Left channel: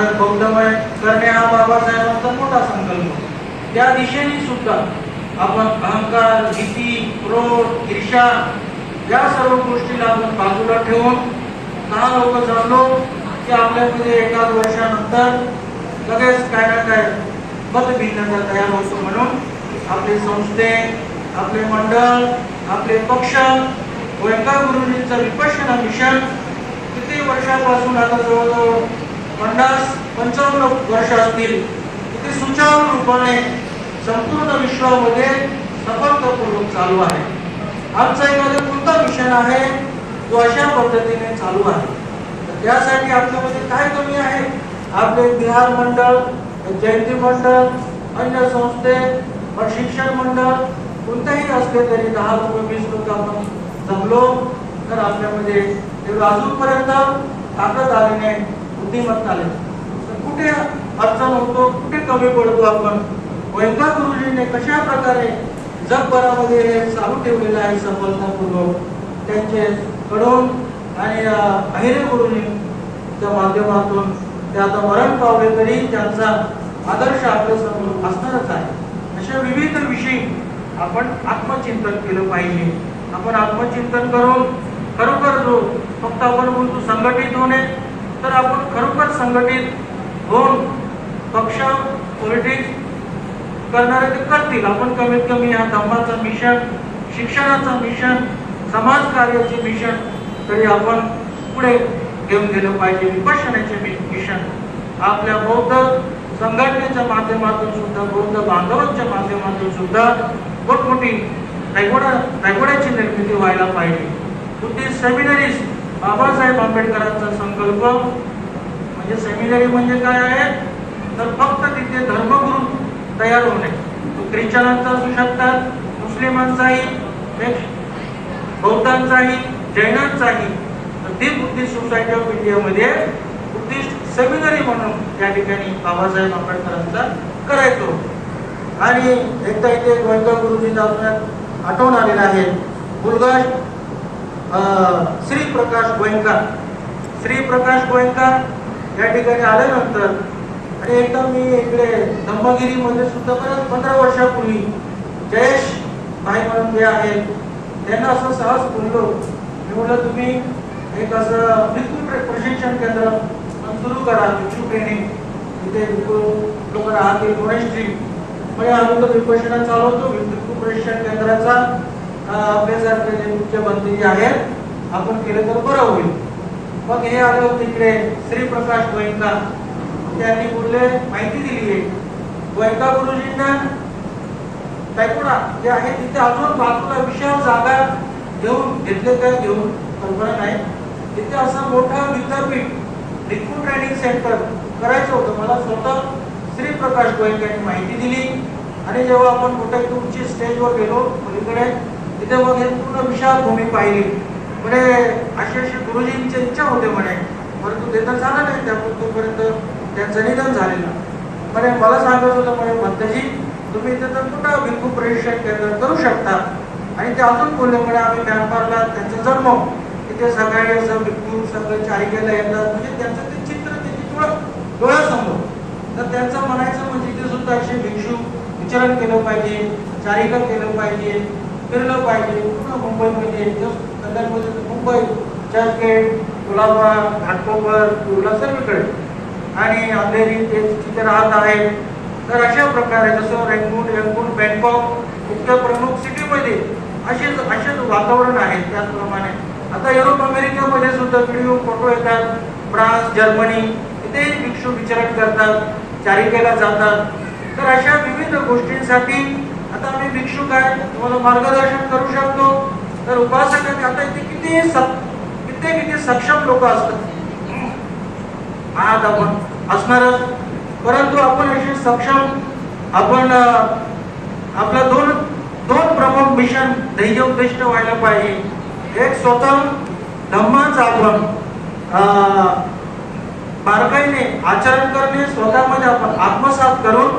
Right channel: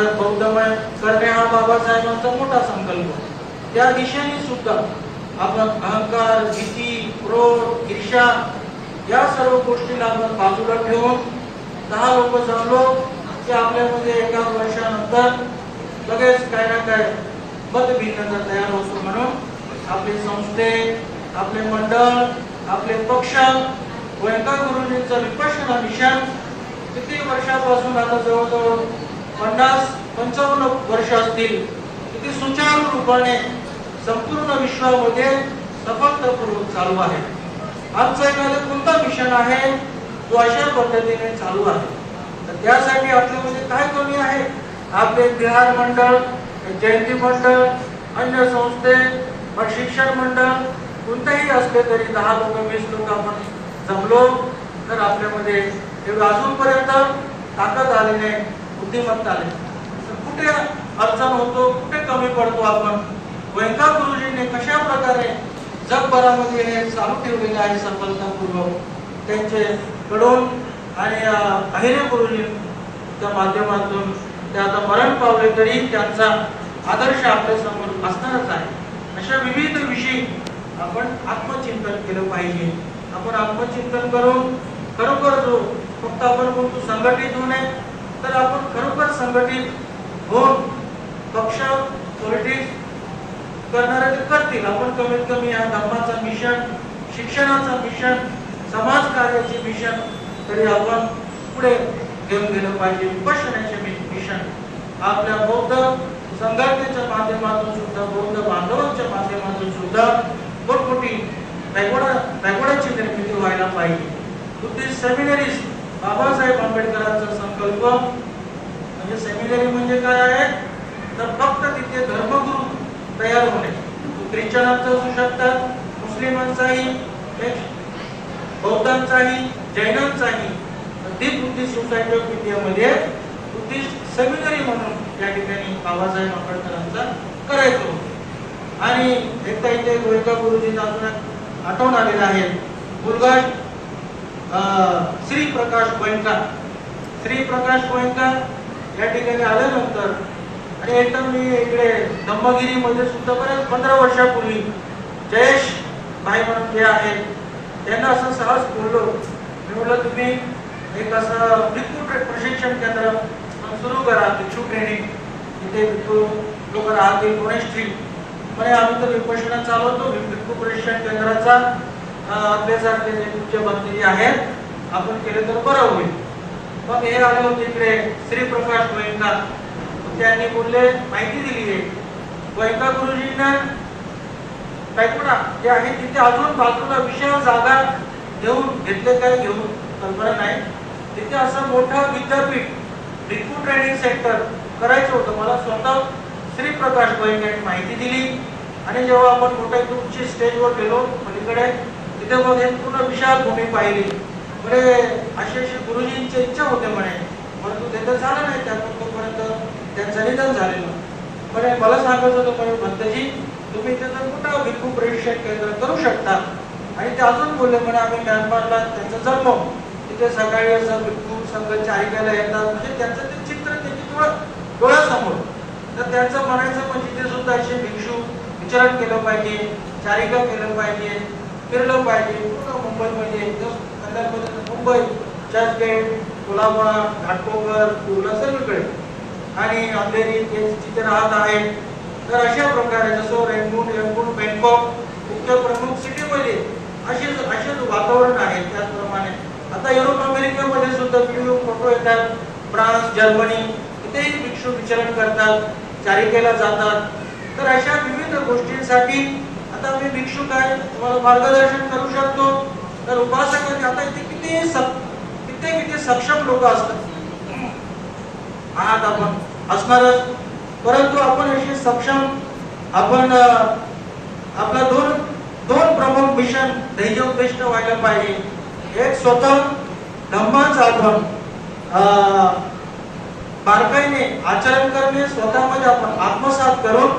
भारत बौद्धमय करणे हा बाबासाहेबांचा मोठा संकल्प त्या दिशेने सुद्धा आपण अहंकार भीती क्रोध ईर्षा या सर्व गोष्टीला आपण बाजूला ठेवून दहा लोक जमलो की आपल्यामध्ये एका वर्षानंतर लगेच काय ना काय मतभिन्नता तयार होतो म्हणून आपले संस्थे आपले मंडळ आपले पक्ष गोयंका गुरुजींचं विपश्यना मिशन किती वर्षापासून आता जवळजवळ पन्नास पंचावन्न वर्ष असतील ते सुचारू रूपाने संपूर्ण विश्वामध्ये सफलतापूर्वक चालू आहे. आमचा एखादा कोणता मिशन आहे जो अशा पद्धतीने चालू आहे. तर त्यासाठी आपल्यामध्ये काय कमी आहे? आपले बिहार मंडळ जयंती मंडळ अन्य संस्थे प्रशिक्षण मंडळ कोणतेही असले तरी दहा लोक वीस लोक आपण जमलो तर आपल्यामध्ये अजूनपर्यंत ताकद आली नाही बुद्धिमत्ताने. तर कुठे अडचण होतो कुठे कमी पडतो आपण? वैंका गुरुजींनी कशा प्रकारे जगभरामध्ये हे चालू ठेवलेलं आहे सफलतापूर्वक त्यांचे कडून आणि अं, अहिरे गुरुजींच्या माध्यमातून ते आता मरण पावले तरी त्यांचा आदर्श आपल्यासमोर असणारच आहे. अशा विविध विषयी आपण आत्मचिंतन केलं पाहिजे. आपण आत्मचिंतन करून खरोखर जो फक्त आपण बोलतो संघटित होणे तर आपण खरोखर संघटित होऊन पक्ष पॉलिटिक्स करणारे ते करतील आपण कमीत कमी या धर्माचं मिशन शिक्षणाचं मिशन समाज कार्याचे मिशन तरी आपण पुढे घेऊन गेलं पाहिजे. विपश्यनाचे मिशन आपल्या बौद्ध संघटनेच्या माध्यमातून सुद्धा बौद्ध बांधवांच्या माध्यमातून सुद्धा मोठमोठी पॅगोडा पॅगोडाची निर्मिती व्हायला पाहिजे. बुद्धिस्ट सेमिनरीज बाबासाहेब आंबेडकरांचा संकल्प म्हणजे सेमिनरी म्हणजे काय आहे? तर फक्त तिथे धर्मगुरु तयार होणे तो ख्रिश्चनांचा असू शकतात मुस्लिमांचाही बौद्धांचाही जैनांचाही. तर ती बुद्धिस्ट सोसायटी ऑफ इंडियामध्ये बुद्धिस्ट सेमिनरी म्हणून त्या ठिकाणी बाबासाहेब आंबेडकरांचा करायचो. आणि एकदा इथे गोयंका गुरुजींना आपल्यात आठवण आलेला आहे मुलगा श्री प्रकाश गोयंका. श्री प्रकाश गोयंका या ठिकाणी आल्यानंतर आणि एकदा मी इकडे धम्मगिरीमध्ये सुद्धा बऱ्याच पंधरा वर्षापूर्वी जयेश भाई म्हणून जे आहेत त्यांना असं सहज बोललो. मी म्हटलं तुम्ही एक असं विद्युत प्रशिक्षण केंद्र सुरू करा भिक्षू ट्रेनिंग इथे लोक राहतील पुणे स्ट्रीट म्हणजे अगोदर तर विपशना चालवतो विद्युत प्रशिक्षण केंद्राचा. आपल्यासारखे जे मुख्यमंत्री आहेत. आपण केलं तर बरं होईल. मग हे आले होते इकडे श्री प्रकाश गोयंका. त्यांनी पुढले माहिती दिली आहे गोयंका गुरुजींना टायकोडा जे आहे तिथे अजून बाजूला विशाल जागा घेऊन घेतले काय घेऊन? कल्पना नाही. तिथे असं मोठं विद्यापीठ भिक्खू ट्रेनिंग सेंटर करायचं होतं. मला स्वतः श्री प्रकाश गोयंका यांनी माहिती दिली. आणि जेव्हा आपण मोठ्या तुमची स्टेजवर गेलो पलीकडे तिथे पूर्ण विशाल भूमी पाहिली. म्हणजे असे अशी गुरुजींची इच्छा होते म्हणे. परंतु ते तर झालं नाही त्यापर्यंत त्यांचं निधन झालेलं. म्हणे मला सांगत होतं म्हणे भंतजी तुम्ही त्याचं पुन्हा भिक्खू प्रशिक्षण केंद्र करू शकता? आणि ते अजून बोलले म्हणे आम्ही म्यानमारला त्यांचा जन्म. तिथे सगळ्या असं भिक्खू संघ चारिकेला येतात. म्हणजे त्यांचं ते चित्र त्याची डोळ्या डोळ्यासमोर. तर त्यांचं म्हणायचं म्हणजे ते सुद्धा असे भिक्षू विचरण केलं पाहिजे चारिका केलं पाहिजे. फिरलं पाहिजे. पूर्ण मुंबईमध्ये कल्याणमध्ये मुंबई चर्चगेट कोल्हापुरा घाटकोपर कुर्ला सर्वीकडे आणि अंधेरी ते तिथे राहत आहेत. तर अशा प्रकारे जसं रेंगून रेंगून बँकॉक इतक्या प्रमुख सिटीमध्ये असेच असेच वातावरण आहे. त्याचप्रमाणे आता युरोप अमेरिकेमध्ये सुद्धा व्हिडिओ फोटो येतात. फ्रान्स जर्मनी इथेही भिक्षू विचरण करतात. चारिकेला जातात. तर अशा विविध गोष्टींसाठी मी भिक्षुक आहे तुम्हाला मार्गदर्शन करू शकतो. तर उपासक आता इथे किती सक- किती किती सक्षम लोक असतात. आहात आपण. असणारच परंतु आपण असे सक्षम आपण आपला दोन दोन प्रमुख मिशन ध्येयोद्दिष्ट व्हायला पाहिजे. एक स्वतः धम्माचं आपण बारकाईने आचरण करणे स्वतःमध्ये आपण आत्मसात करून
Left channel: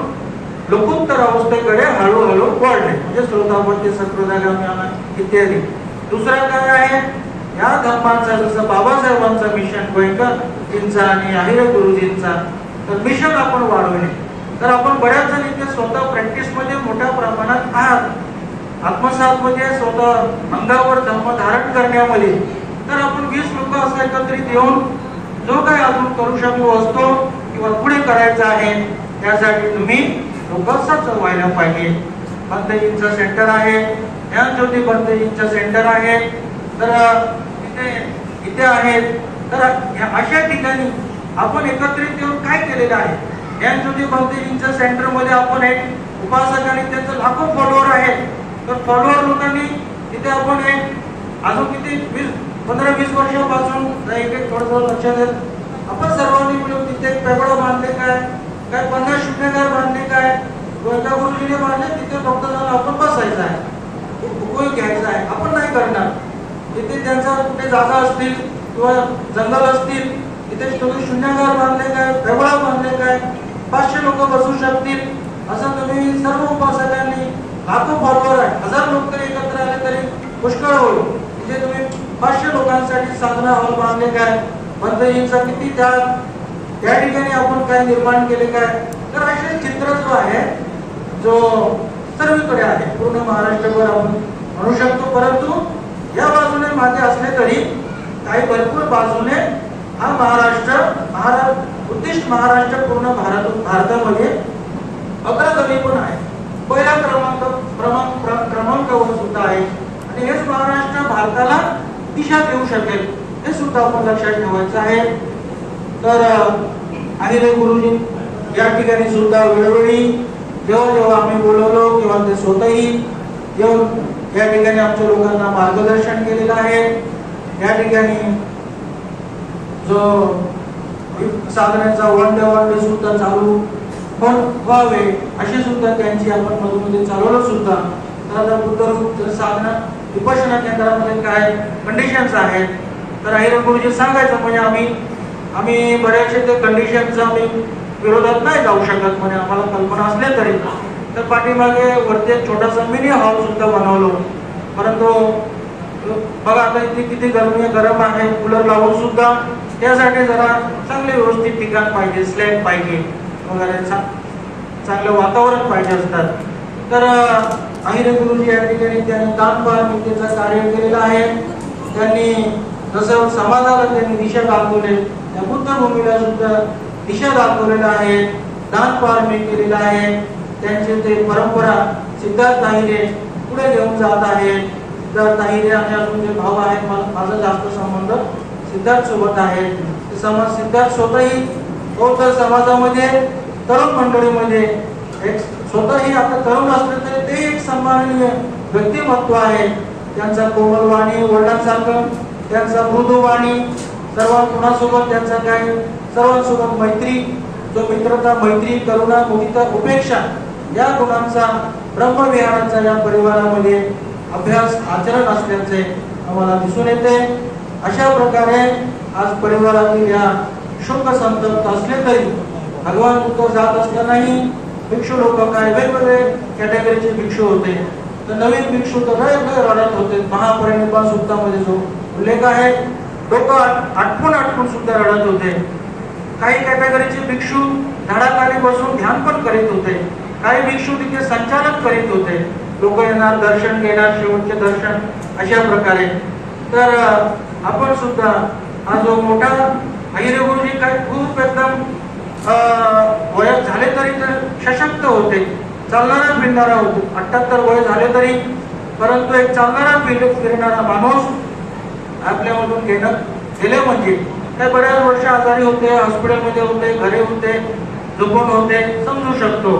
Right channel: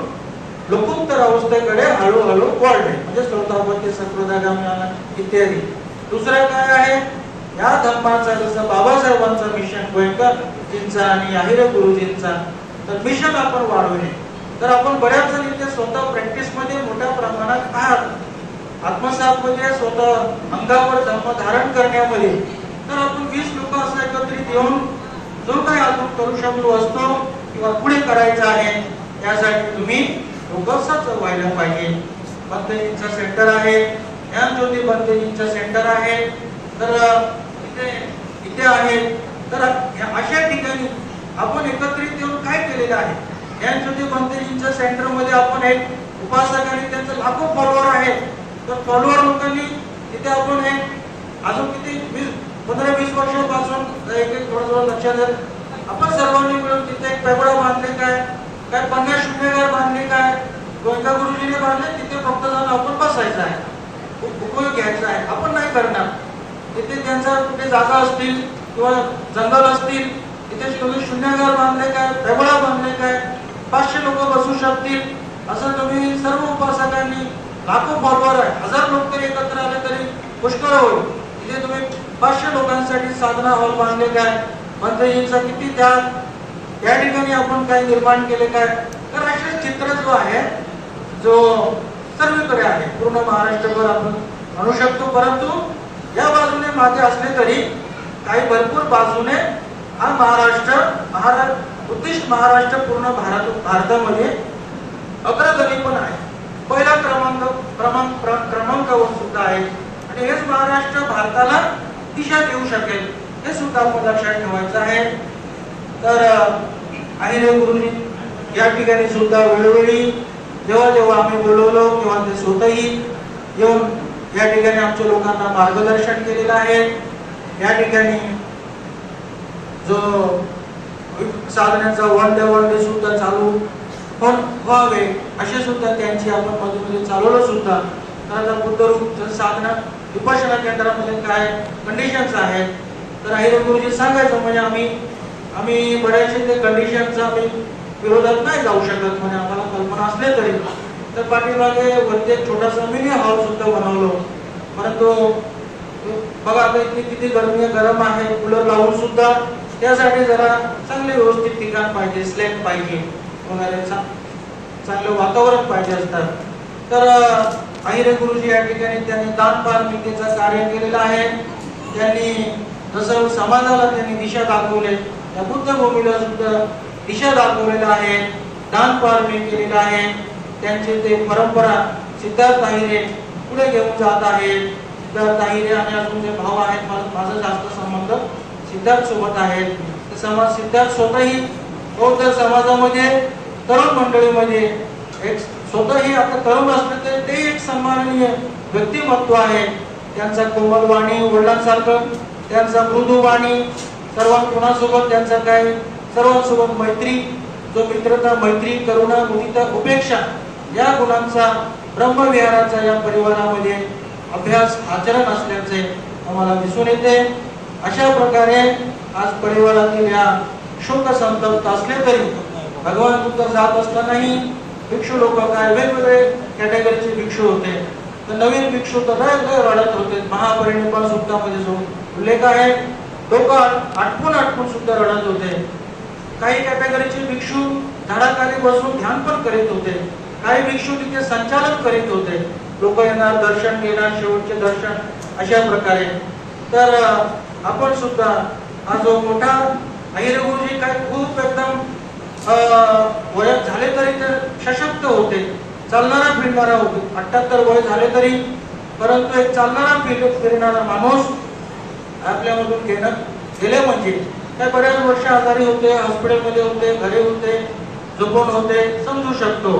लोकोत्तर अवस्थेकडे हळूहळू वाढले. म्हणजे श्रोतापती सत्वदागामी आला इत्यादी. दुसरं काय आहे? या धम्माचा जसं बाबासाहेबांचा मिशन गोयकर आणि आहिरे गुरुजींचा तर मिशन आपण वाढवणे तर आपण बऱ्याच जणी स्वतः प्रॅक्टिसमध्ये मोठ्या प्रमाणात आहात. आत्मसात म्हणजे स्वतः अंगावर धर्म धारण करण्यामध्ये. तर आपण वीस लोक असं एकत्रित येऊन जो काही आपण करू शकलो असतो किंवा पुढे करायचं आहे त्यासाठी तुम्ही फोकसच व्हायला पाहिजे. पंतजींचं सेंटर आहे. ज्ञानज्योती पंतजींचं सेंटर आहे. तर इथे इथे आहेत तर अशा ठिकाणी आपण एकत्रित येऊन काय केलेलं आहे? ज्ञानज्योती पंतजींच्या सेंटरमध्ये आपण एक उपासक आणि त्यांचं लाखो फॉलोअर आहेत. तर फॉलोअर लोकांनी तिथे आपण एक अजून किती वीस पंधरा वीस वर्षापासून एक एक थोडं थोडं लक्षात देत आपण सर्वांनी मिळून तिथे एक काय पन्नास शून्यगार बांधले काय गोलका गुरुजीने बांधले तिथे फक्त जाऊन आपण बसायचं आहे. भूगोल घ्यायचा आहे. आपण नाही करणार. तिथे त्यांचा कुठे जागा असतील किंवा जंगल असतील तिथे तुम्ही शून्यगार बांधले काय प्रबळा बांधले काय पाचशे लोक बसू शकतील असं तुम्ही सर्व उपासकांनी लाखो फॉलोअर आहे. हजार लोक तरी एकत्र आले तरी पुष्कळ होईल. तिथे तुम्ही पाचशे लोकांसाठी साधना हॉल बांधले काय मंत्रींचा किती त्या या ठिकाणी आपण काय निर्माण केले काय? तर असे चित्र जो आहे जो सर्वीकडे आहे पूर्ण महाराष्ट्रभर आपण म्हणू शकतो. परंतु या बाजूने मागे असले तरी काही भरपूर बाजूने हा महाराष्ट्र महाराष्ट्र उद्दिष्ट महाराष्ट्र पूर्ण भारत भारतामध्ये अग्रगणी पण आहे. पहिल्या क्रमांक क्रमांक क्रमांकावर सुद्धा आहे. आणि हेच महाराष्ट्र भारताला दिशा देऊ शकेल हे सुद्धा आपण लक्षात ठेवायचं आहे. तर आहिरे गुरुजी या ठिकाणी सुद्धा वेळोवेळी जेव्हा जेव्हा आम्ही बोलवलो किंवा ते स्वतःही येऊन या ठिकाणी आमच्या लोकांना मार्गदर्शन केलेलं आहे. या ठिकाणी जो साधनांचा वन डे वन डे सुद्धा चालू पण व्हावे असे सुद्धा त्यांची आपण मधोमध चालवलं सुद्धा. त्यानंतर बुद्धरूप साधना उपासना केंद्रामध्ये काय कंडिशन्स आहेत? तर अहिर गुरुजी सांगायचं म्हणजे आम्ही आम्ही बऱ्याचशा ते कंडिशनचा आम्ही विरोधात नाही जाऊ शकत म्हणे. आम्हाला कल्पना असल्या तरी. तर पाठीमागे वरती छोटासा मिनी हॉल सुद्धा बनवलो परंतु बघा आता इथे किती गरमी गरम आहे. कूलर लावून सुद्धा त्यासाठी जरा चांगले व्यवस्थित ठिकाण पाहिजे स्लॅब पाहिजे वगैरे. चांगलं वातावरण पाहिजे असतात. तर अहिरे गुरुजी या ठिकाणी त्यांनी दान पारमितेचं कार्य केलेलं आहे. त्यांनी जसं समाजाला त्यांनी दिशा दाखवले त्या बुद्धभूमीला सुद्धा दिशा दाखवलेल्या आहे दान पारमी केलेलं आहे. त्यांचे ते परंपरा सिद्धार्थ नाहिरे पुढे घेऊन जात आहेत सिद्धार्थ नाहिरे आणि अजून जे भाव आहेत माझा जास्त संबंध सिद्धार्थ सोबत आहे ते समाज सिद्धार्थ स्वतःही बौद्ध समाजामध्ये तरुण मंडळीमध्ये एक स्वतःही आता तरुण असले तरी ते एक सन्माननीय व्यक्तिमत्व आहे. त्यांचा कोमल वाणी वडिलांसारखं त्यांचा मृदू वाणी सर्व कुणासोबत त्यांचा काय? सर्वांसोबत मैत्री जो मित्रता मैत्री करुणा मुदिता उपेक्षा या गुणांचा ब्रह्मविहाराचा या परिवारामध्ये अभ्यास आचरण असल्याचे आम्हाला दिसून येते. अशा प्रकारे आज परिवारातील या शोक संतप्त असले तरी भगवान उत्तर जात असतानाही भिक्षू लोक काय वेगवेगळे कॅटेगरीचे भिक्षू होते. तर नवीन भिक्षू तर रडत होते. महापरिनिर्वाण सुद्धामध्ये उल्लेख आहे. लोक आठवून आठवून सुद्धा रडत होते. काही कॅटेगरीचे भिक्षू झाडाखाली बसून ध्यान पण करीत होते. काही भिक्षू तिथे संचालन करीत होते. लोक येणार दर्शन घेणार शेवटचे दर्शन अशा प्रकारे. तर आपण सुद्धा हा जो मोठा अहिरे गुरुजी काय खूप एकदम अं, वयात झाले तरी ते सशक्त होते. चालणारा फिरणारा होते. अठ्याहत्तर वय झाले तरी परंतु एक चालणारा फिर फिरणारा माणूस आपल्यामधून घेणं गेले म्हणजे? ते बऱ्याच वर्ष आजारी होते हॉस्पिटलमध्ये होते घरी होते झोपून होते समजू शकतो.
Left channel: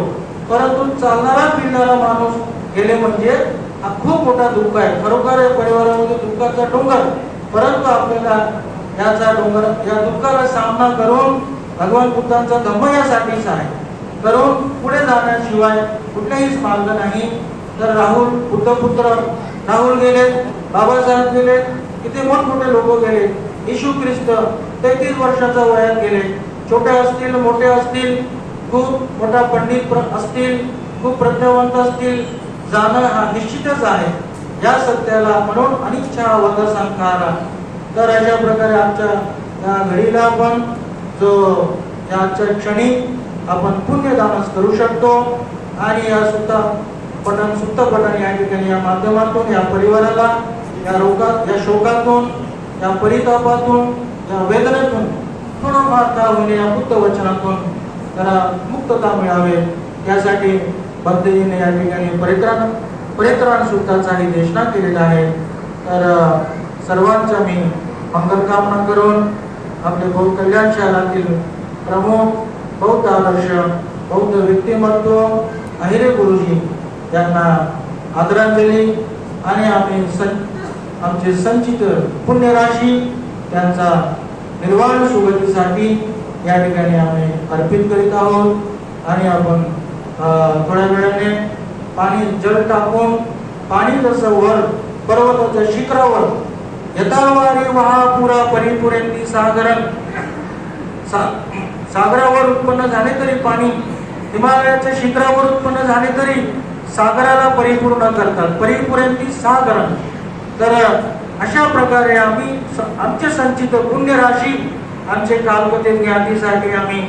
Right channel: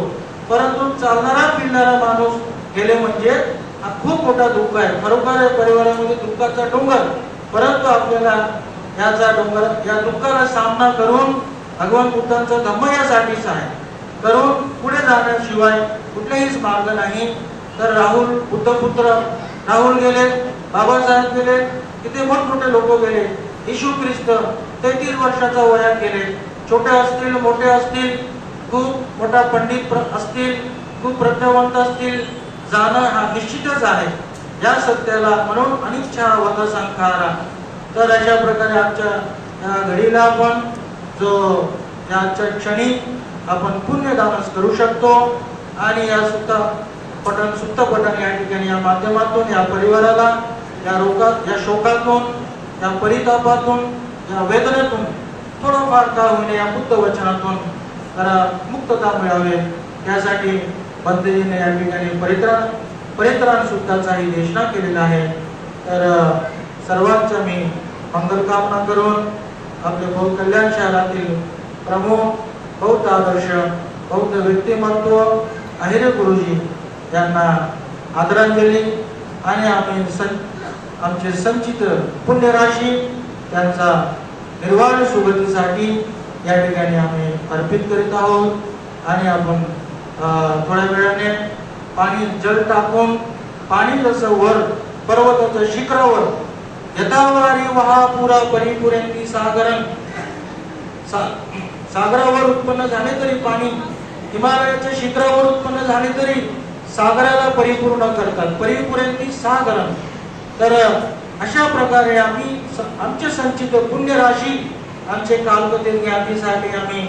परंतु चालणारा फिरणारा माणूस गेले म्हणजे हा खूप मोठा दुःख आहे. खरोखर परिवारामध्ये दुःखाचा डोंगर. परंतु आपल्याला याचा डोंगर या दुःखाला सामना करून भगवान बुद्धांचा धम्म यासाठीच आहे. करून पुढे जाण्याशिवाय कुठलाहीच मार्ग नाही. तर राहुल बुद्ध पुत्र राहुल गेले बाबासाहेब गेले किती मोठमोठे लोक गेले? येशू ख्रिस्त तेहतीस वर्षाच्या वयात गेले. छोटे असतील मोठे असतील खूप मोठा पंडित असतील खूप प्रज्ञावंत असतील जाणं हा निश्चितच आहे. या सत्याला म्हणून अनिच्छा वध सांगणारा. तर अशा प्रकारे आमच्या या घडीला आपण जो या आजच्या क्षणी आपण पुण्यदानच करू शकतो आणि या सुद्धा पठण सुप्त पठण या ठिकाणी या माध्यमातून या परिवाराला या रोगात या शोकातून या परितापातून या वेदनेतून थोडाफार का होणे या बुद्ध वचनातून त्याला मुक्तता मिळावे. यासाठी बंदेजीने या ठिकाणी परित्राण परित्राण सुद्धाचाही देशना केलेला आहे. तर सर्वांच्या मी मंगलकामना करून आपले बहु कल्याण शहरातील प्रमुख बौद्ध आदर्श बौद्ध व्यक्तिमत्व अहिरे गुरुजी यांना आदरांजली आणि आम्ही सं आमची संचित पुण्यराशी त्यांचा निर्वाण सुगतीसाठी या ठिकाणी आम्ही अर्पित करीत आहोत. आणि आपण थोड्या वेळाने पाणी जल टाकून पाणी जसं वर पर्वताच्या शिखरावर यथावारी महापुरा पुरा परिपुरेंती सागरण सा- सागरावर उत्पन्न झाले तरी पाणी हिमालयाच्या शिखरावर उत्पन्न झाले तरी सागराला परिपूर्ण करतात. परिपुरेंती सागरण तर अशा प्रकारे आम्ही स- आमचे संचित पुण्य राशी आमचे कालपते ज्ञातीसाठी आम्ही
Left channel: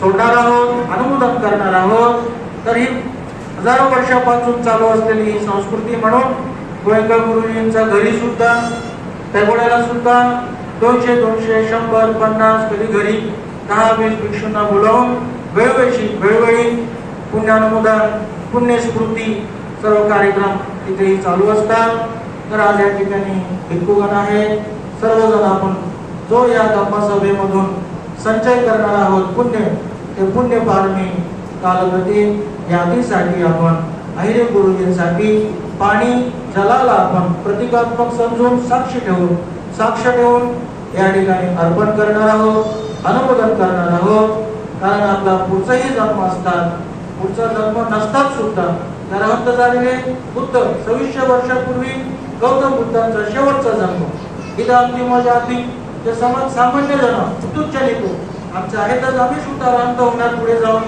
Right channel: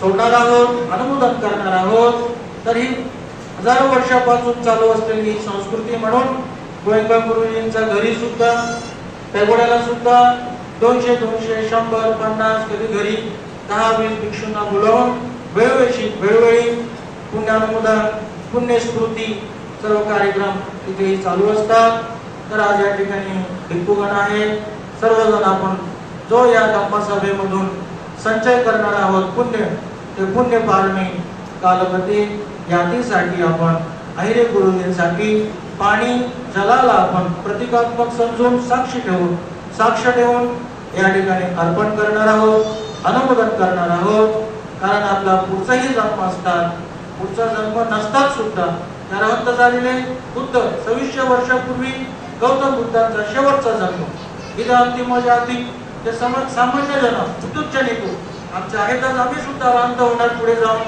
सोडणार आहोत अनुमोदन करणार आहोत. तर ही हजारो वर्षापासून चालू असलेली ही संस्कृती म्हणून गोयंका गुरुजींच्या घरी सुद्धा पेगोड्याला सुद्धा दोनशे दोनशे शंभर पन्नास कधी घरी दहा वीस भिक्षूंना बोलावून वेळोवेळी वेळोवेळी पुण्यानुमोदन पुण्यस्मृती सर्व कार्यक्रम तिथेही चालू असतात. तर आज या ठिकाणी भिक्खूगण आहे सर्वजण आपण जो या धम्मसभेमधून संचय करणार आहोत पुण्य ते पुण्य पारमी कालवती यादीसाठी आपण अहिरे गुरुजींसाठी पाणी जलाला आपण प्रतिकात्मक समजून साक्ष ठेवून साक्ष ठेवून या ठिकाणी अर्पण करणार आहोत अनुमोदन करणार आहोत. कारण आपला पुढचाही जन्म असतात पुढचा जन्म नसतात सुद्धा त्या रहंत झालेले बुद्ध सव्वीसशे वर्षापूर्वी गौतम बुद्धांचा शेवटचा जन्म. इथं अंतिम जाती जे सम- सामान्य जन तुच्छ निघतो आमचे आहेतच आम्ही सुद्धा रांत होणार पुढे जाऊन